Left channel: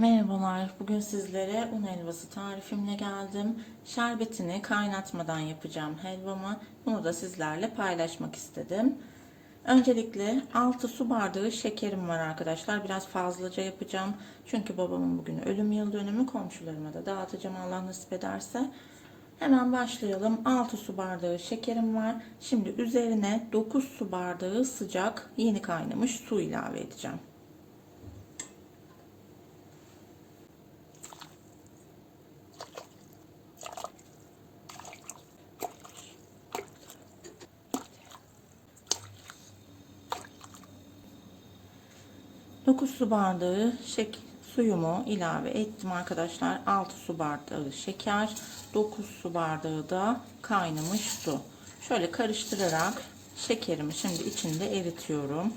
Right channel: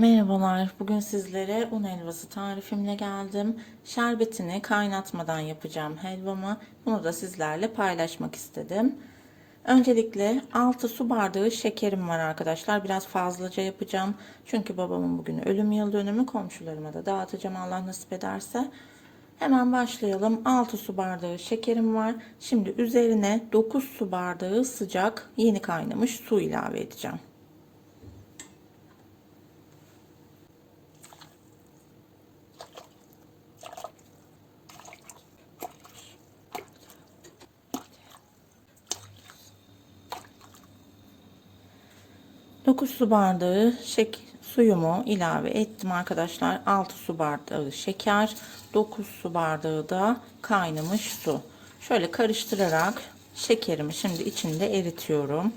Merhabalar. Bugün sizlere un helvası tarifimle geldim. Şerbetini kaynatmadan yapacağım helvamı. Bunu da sizlerle paylaşmak istedim. Öncelikle 6 su bardağı şekerim var arkadaşlar. Biraz fazlaca yapacağım. Çünkü babamın bugün ölüm yıl dönümü. Komşularıma da dağıtacağım Allah nasip ederse. Hemen başlayalım. 6 su bardağı şekerim var. Şimdi üzerine 9 su bardağı sıcak yeni kaynamış su ilave edeceğim. Dokuz su bardağı şek suyumu ilave ettim arkadaşlar. 6 su bardağı şeker, 9 su bardağı da kaynamış su. Şöyle karıştırarak şekerimi şimdi içinde eritiyorum.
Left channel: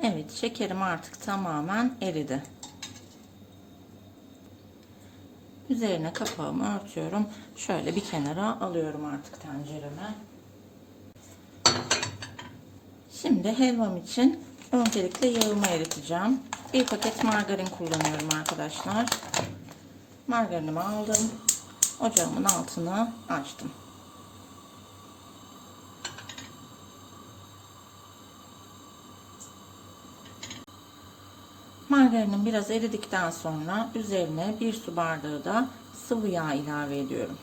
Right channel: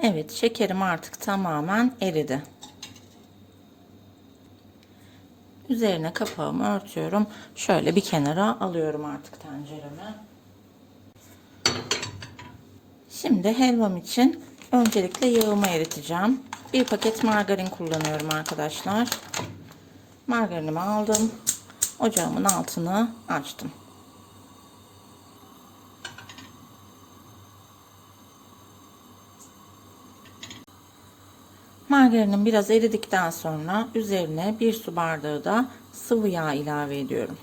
Evet şekerim artık tamamen eridi. Üzerine kapağımı örtüyorum. Şöyle bir kenara alıyorum artık tencereme. Şimdi helvam için öncelikle yağımı eriteceğim. Bir paket margarin kullanıyorum arkadaşlar. Margarinimi aldım. Ocağımın altını açtım. Margarinin biraz eridikten sonra üzerine bir su bardağı da sıvı yağ ilave ediyorum.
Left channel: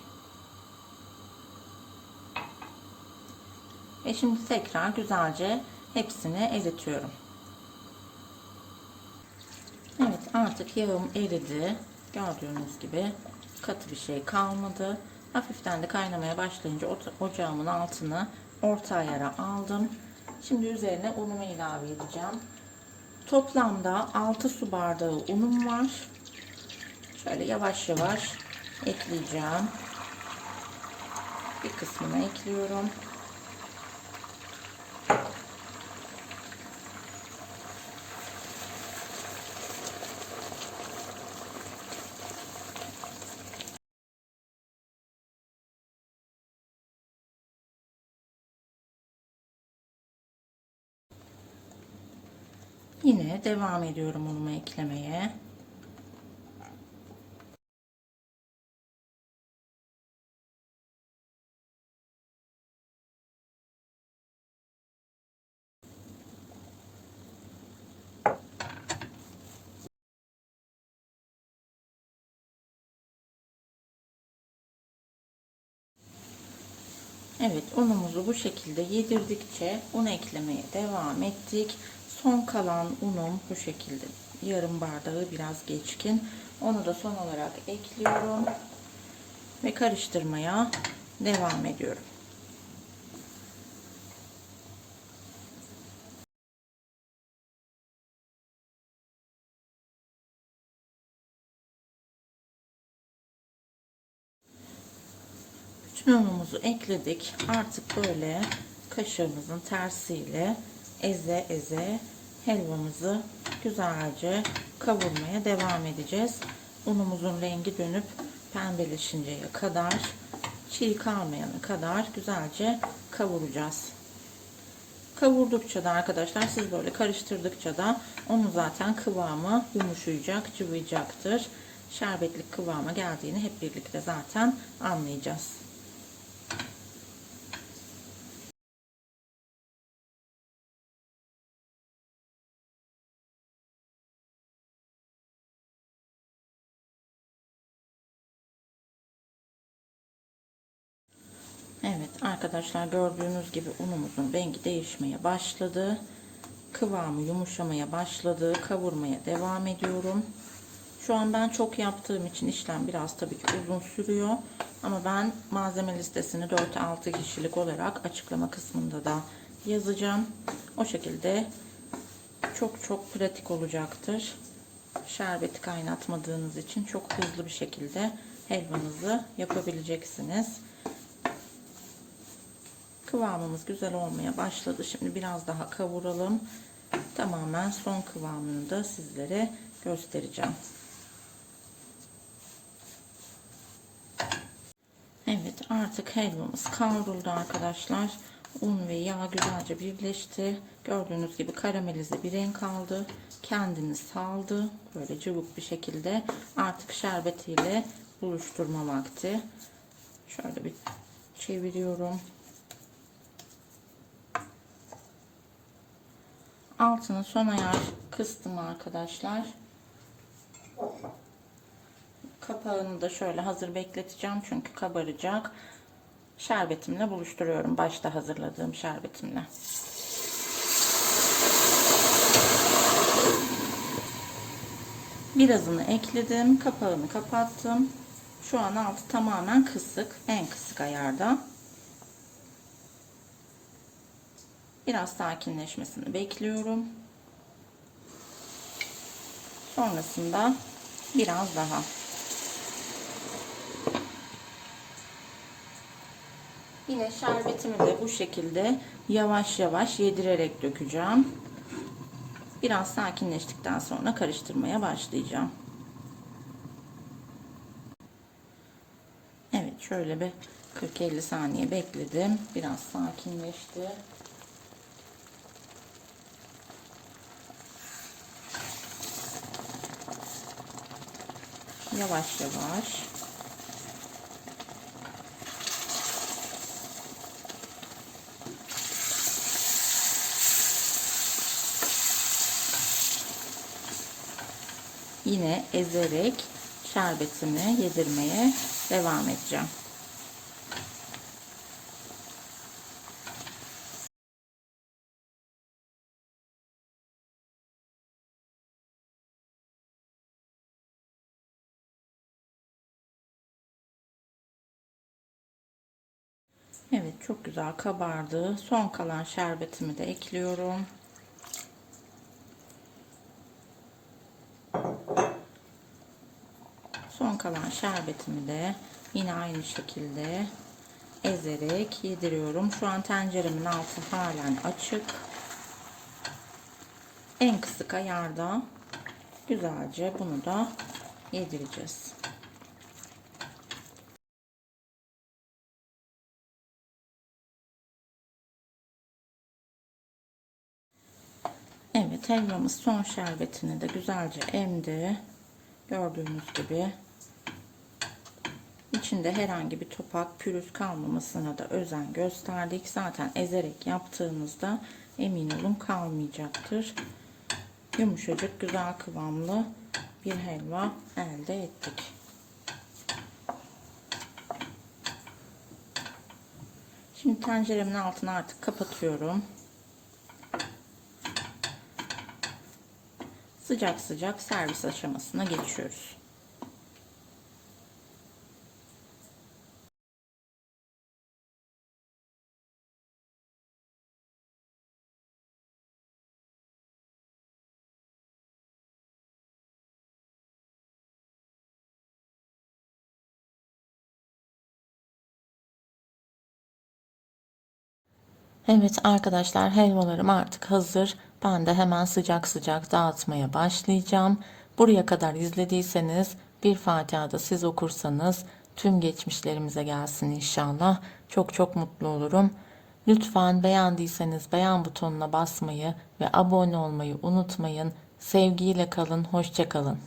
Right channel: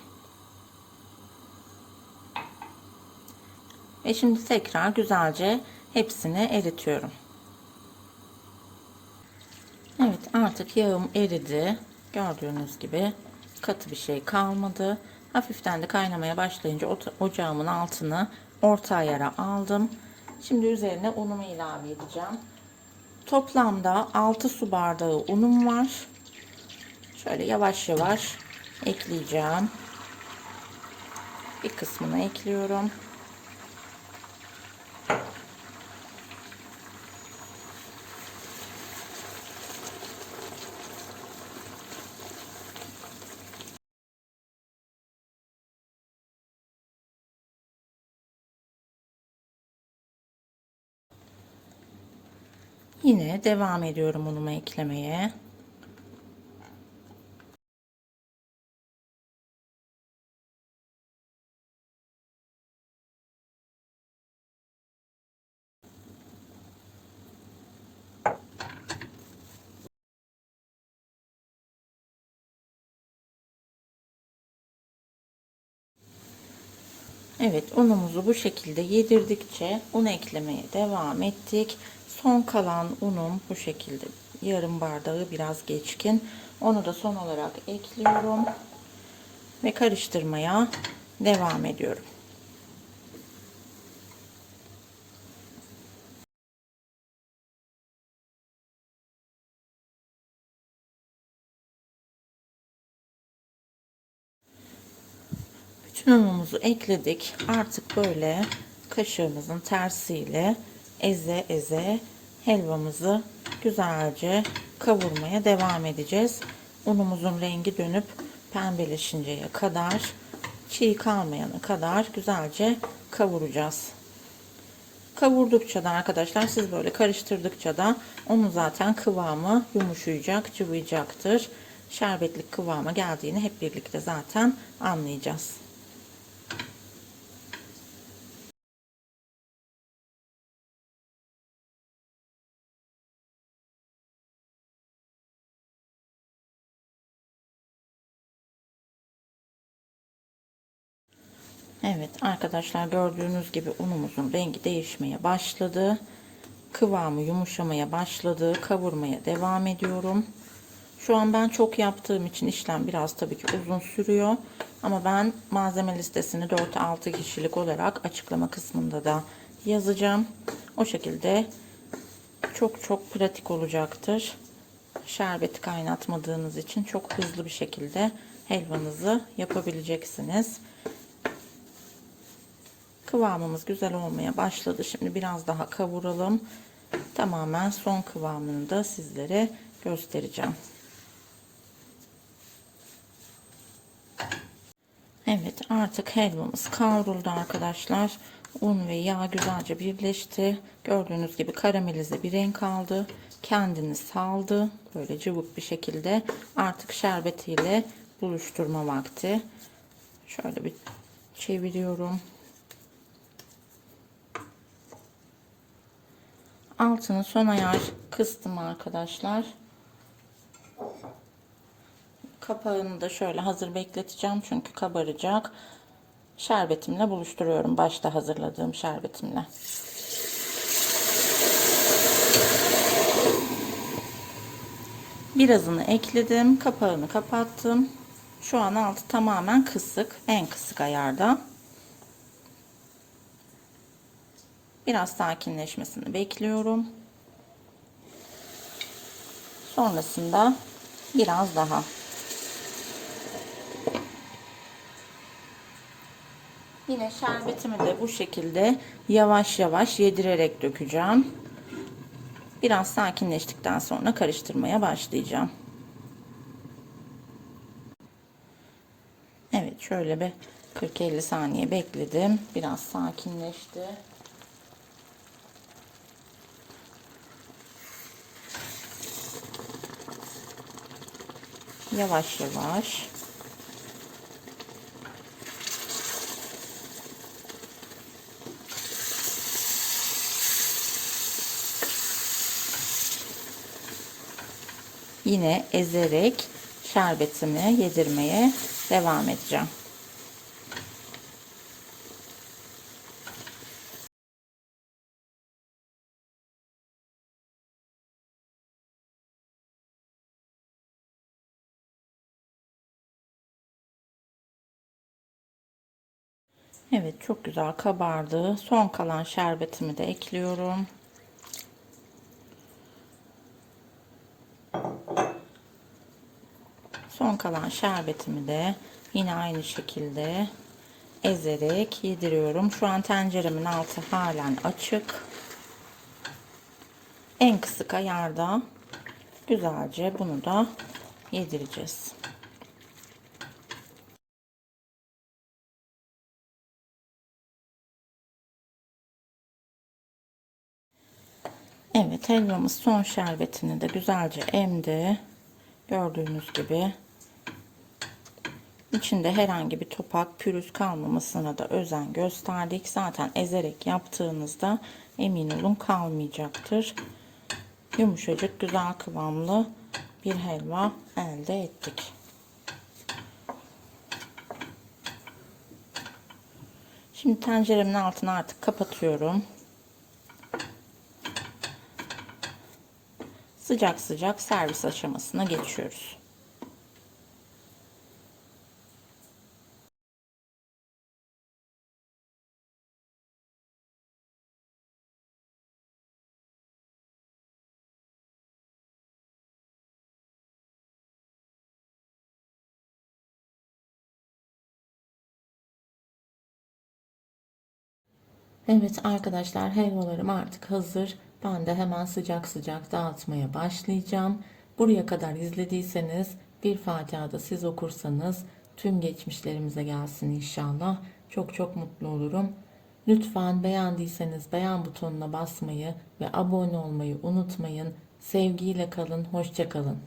Ve şimdi tekrar güzelce hepsini eritiyorum. Evet artık yağım eridi. Gördüğünüz gibi katı bir şey kalmadı. Hafiften de kaynamaya başlayınca ocağımın altını orta ayara aldım. Şimdi üzerine unumu ilave edeceğim. Toplamda 6 su bardağı unum var. Şöyle yavaş yavaş ekleyeceğim. Bir kısmını ekliyorum. Yine devam ediyorum unumu eklemeye. Evet unumuzu bu şekilde yedirdikçe un eklemeye devam ettik. Son kalan unum bu şekilde yarım bardağı biraz geçkin. Onu da son olarak ekliyorum ve karıştırmaya devam ediyorum. Bütün unumuzu ekledik. Artık böyle kaşığımızın tersiyle eze eze helvamızı güzelce kavurmaya devam edeceğiz. Unumuzun rengi dönüp pembeleşinceye kadar çiğ kalmayana kadar güzelce kavuracağız. Kavurdukça da arkadaşlar siz böyle karıştırdıkça da onun zaten kıvamı yumuşayacak, cıvıyacaktır. Şerbetlik kıvama geldiğini hep birlikte zaten anlayacağız. Evet arkadaşlar gördüğünüz gibi unumuzun rengi değişmeye başladı. Kıvamı yumuşamaya başladı. Kavurmaya devam ediyorum. Şu an ben çok yaptığım için işlem biraz tabii ki uzun sürüyor. Ama ben malzeme listesini 4-6 kişilik olarak açıklama kısmında da yazacağım. O şekilde çok çok pratik olacaktır. Şerbeti kaynatmadığınız için çok hızlı bir şekilde helvanızı yapabileceksiniz. Kıvamımız güzel olmaya başladı. Şimdi biraz daha kavuralım. Tamamen son kıvamını da sizlere göstereceğim. Evet Artık helvamız kavruldu arkadaşlar. Un ve yağ güzelce birleşti. Gördüğünüz gibi karamelize bir renk aldı. Kendini saldı. Böyle cıvık bir şekilde. Artık şerbetiyle buluşturma vakti. Şöyle bir çeviriyorum. Altını son ayar kıstım arkadaşlar. Kapağını da şöyle hazır bekleteceğim çünkü kabaracak. Şerbetimle buluşturuyorum. Başta hazırladığım şerbetimle. Birazını ekledim. Kapağını kapattım. Şu an altı tamamen kısık. En kısık ayarda. Biraz sakinleşmesini bekliyorum. Sonrasında biraz daha Yine şerbetimi de bu şekilde yavaş yavaş yedirerek dökeceğim. Biraz sakinleştikten sonra karıştırmaya başlayacağım. Evet şöyle bir 40-50 saniye bekledim. Biraz sakinleşti. Yavaş yavaş yine ezerek şerbetimi yedirmeye devam edeceğim. Evet çok güzel kabardı. Son kalan şerbetimi de ekliyorum. Son kalan şerbetimi de yine aynı şekilde ezerek yediriyorum. Şu an tenceremin altı halen açık. En kısık ayarda güzelce bunu da yedireceğiz. Evet helvamız son şerbetini de güzelce emdi. Gördüğünüz gibi içinde herhangi bir topak pürüz kalmamasına da özen gösterdik. Zaten ezerek yaptığınızda emin olun kalmayacaktır. Yumuşacık güzel kıvamlı bir helva elde ettik. Şimdi tenceremin altını artık kapatıyorum. Sıcak sıcak servis aşamasına geçiyoruz. Evet arkadaşlar helvalarım artık hazır. Ben de hemen sıcak sıcak dağıtmaya başlayacağım. Buraya kadar izlediyseniz bir Fatiha siz okursanız tüm geçmişlerimize gelsin inşallah. Çok çok mutlu olurum. Lütfen beğendiyseniz beğen butonuna basmayı ve abone olmayı unutmayın. Sevgiyle kalın, hoşça kalın.